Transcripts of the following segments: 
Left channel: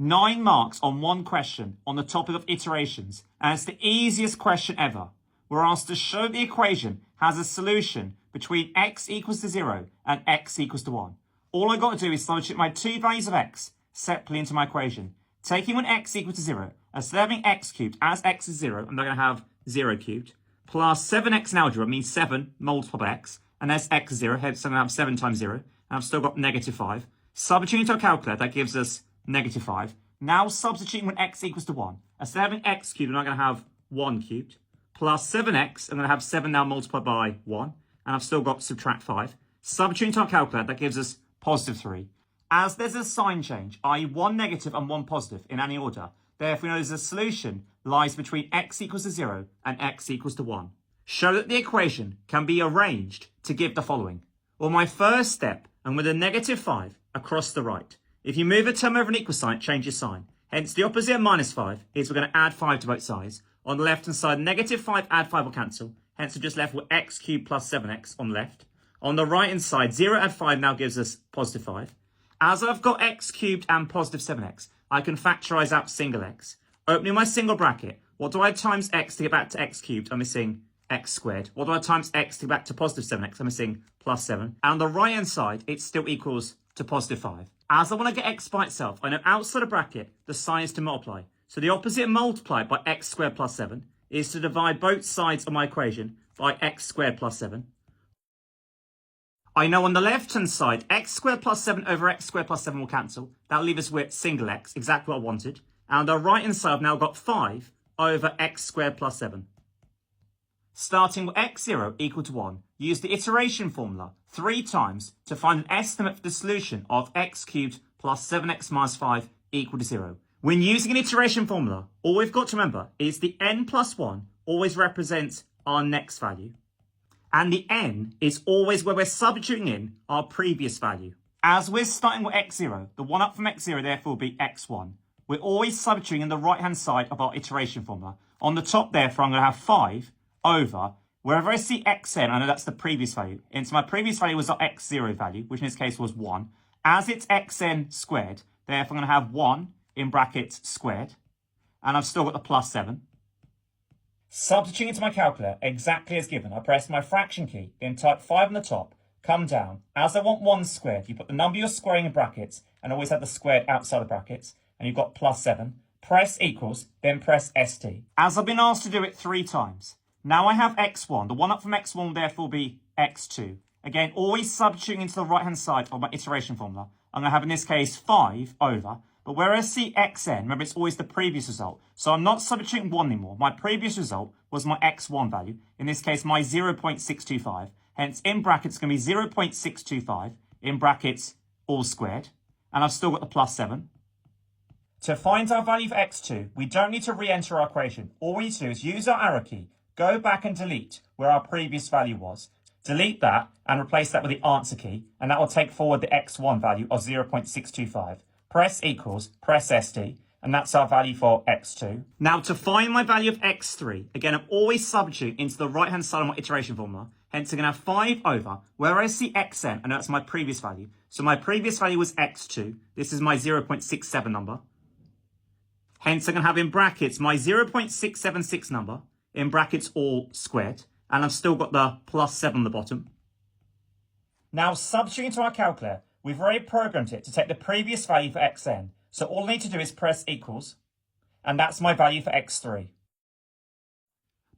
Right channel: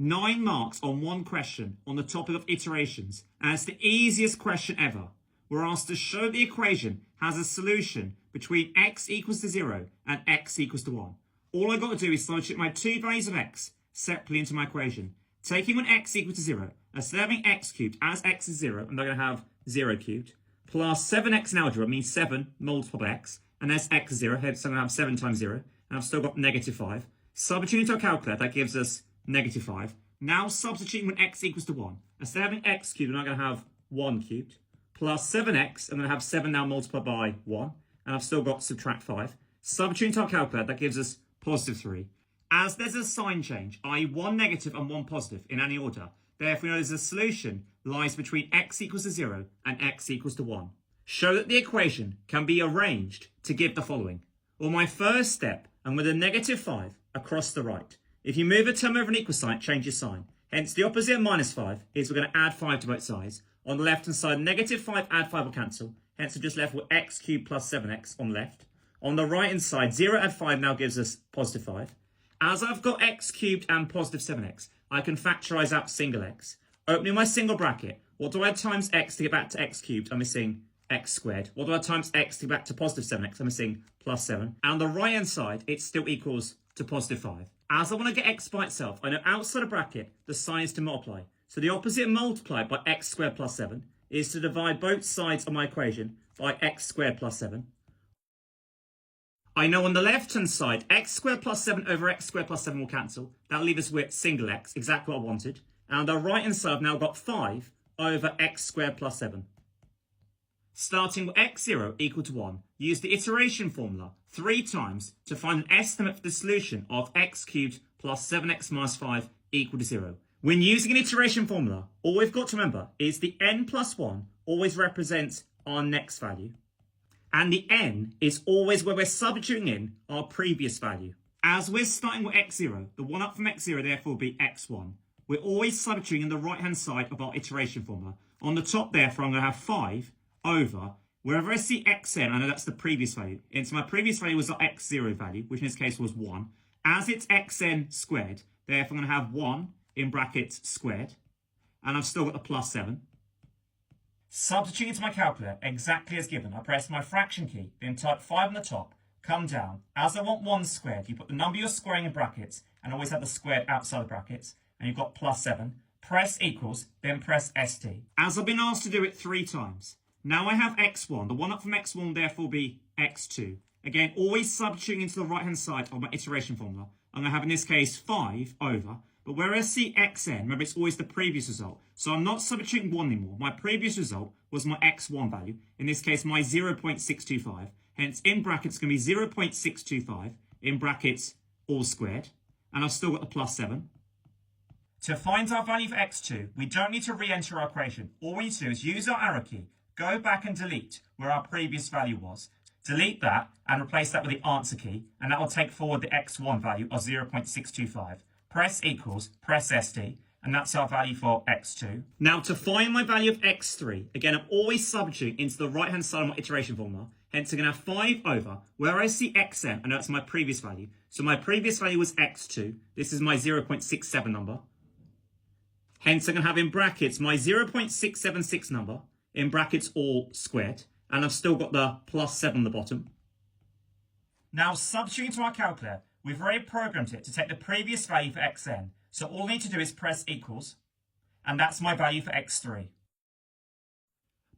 9 marks on one question on the topic of iterations, and it's the easiest question ever. We're asked to show the equation has a solution between x equals to 0 and x equals to 1. All I've got to do is substitute my two values of x separately into my equation. Taking when x equals to 0, instead of having x cubed as x is 0, I'm not going to have 0 cubed, plus 7x in algebra means 7 multiplied by x, and that's x is 0, hence I'm going to have 7 times 0, and I've still got negative 5. Substituting into a calculator, that gives us negative 5. Now substituting when x equals to 1. Instead of having x cubed, I'm not going to have 1 cubed. Plus 7x, I'm going to have 7 now multiplied by 1. And I've still got subtract 5. Substituting to our calculator, that gives us positive 3. As there's a sign change, i.e. one negative and one positive in any order, therefore we know there's a solution lies between x equals to 0 and x equals to 1. Show that the equation can be arranged to give the following. Well, my first step, I'm with a negative 5 across the right. If you move a term over an equal sign, it changes sign. Hence, the opposite of minus 5 is we're going to add 5 to both sides. On the left-hand side, negative 5, add 5 will cancel. Hence, we're just left with x cubed plus 7x on the left. On the right-hand side, 0 add 5 now gives us positive 5. As I've got x cubed and positive 7x, I can factorise out single x. Opening my single bracket, what do I times x to get back to x cubed? I'm missing x squared. What do I times x to get back to positive 7x? I'm missing plus 7. And on the right-hand side, it still equals to positive 5. As I want to get x by itself, I know outside a bracket, the sign is to multiply. So the opposite of multiply by x squared plus 7 is to divide both sides of my equation by x squared plus 7. I know on the left-hand side, x squared plus 7 over x squared plus 7 will cancel. That'll leave us with single x, exactly what I wanted. And on the right-hand side, I've now got 5 over x squared plus 7. Starting with x0 equal to 1, use the iteration formula 3 times to find an estimate for the solution of x cubed plus 7x minus 5 equal to 0. When using an iteration formula, all we've got to remember is the n plus 1 always represents our next value. And the n is always where we're substituting in our previous value. As we're starting with x0, the one up from x0 therefore will be x1. We're always substituting in the right-hand side of our iteration formula. On the top therefore, I'm going to have 5 over, wherever I see xn, I know that's the previous value. And so my previous value was our x0 value, which in this case was 1. As it's xn squared, therefore I'm going to have 1 in brackets squared. And I've still got the plus 7. Substituting into my calculator exactly as given, I press my fraction key, then type 5 on the top, come down. As I want 1 squared, you put the number you're squaring in brackets and always have the squared outside the brackets. And you've got plus 7. Press equals, then press ST. As I've been asked to do it 3 times. Now I have x1. The one up from x1 will therefore be x2. Again, always substituting into the right-hand side of my iteration formula. I'm going to have, in this case, 5 over. But where I see xn, remember, it's always the previous result. So I'm not substituting 1 anymore. My previous result was my x1 value. In this case, my 0.625. Hence, in brackets, it's going to be 0.625. In brackets, all squared. And I've still got the plus 7. To find our value for x2, we don't need to re-enter our equation. All we need to do is use our arrow key. Go back and delete where our previous value was. Delete that and replace that with the answer key, and that will take forward the x1 value of 0.625. Press equals, press ST, and that's our value for x2. Now to find my value of x3, again, I'm always substituting into the right-hand side of my iteration formula. Hence, I'm going to have 5 over, where I see xn, I know that's my previous value. So my previous value was x2. This is my 0.67 number. Hence, I'm going to have in brackets my 0.676 number, in brackets all squared, and I've still got the plus 7 on the bottom. Now, substituting into our calculator, we've already programmed it to take the previous value for xn. So all I need to do is press equals, and that's my value for x3.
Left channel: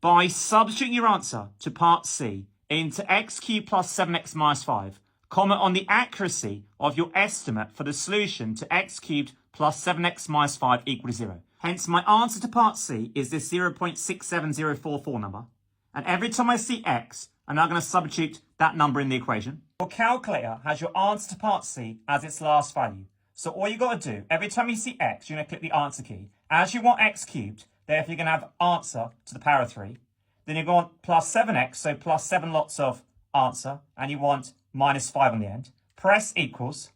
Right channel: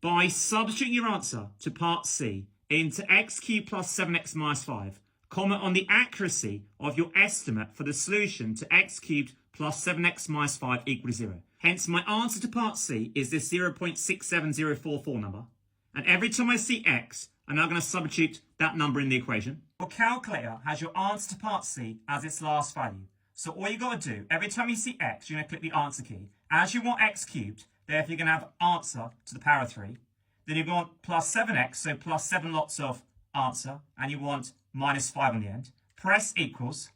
By substituting your answer to part C into x cubed plus 7x minus 5, comment on the accuracy of your estimate for the solution to x cubed plus 7x minus 5 equal to 0. Hence, my answer to part C is this 0.67044 number. And every time I see x, I'm now going to substitute that number in the equation. Your calculator has your answer to part C as its last value. So all you got to do, every time you see x, you're going to click the answer key. As you want x cubed, therefore you're going to have answer to the power of 3. Then you're going to want plus 7x, so plus 7 lots of answer. And you want minus 5 on the end. Press equals,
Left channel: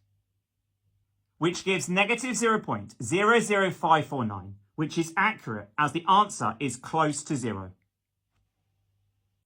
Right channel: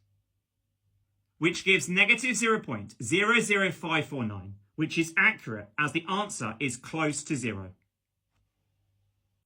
which gives negative 0.00549, which is accurate as the answer is close to 0.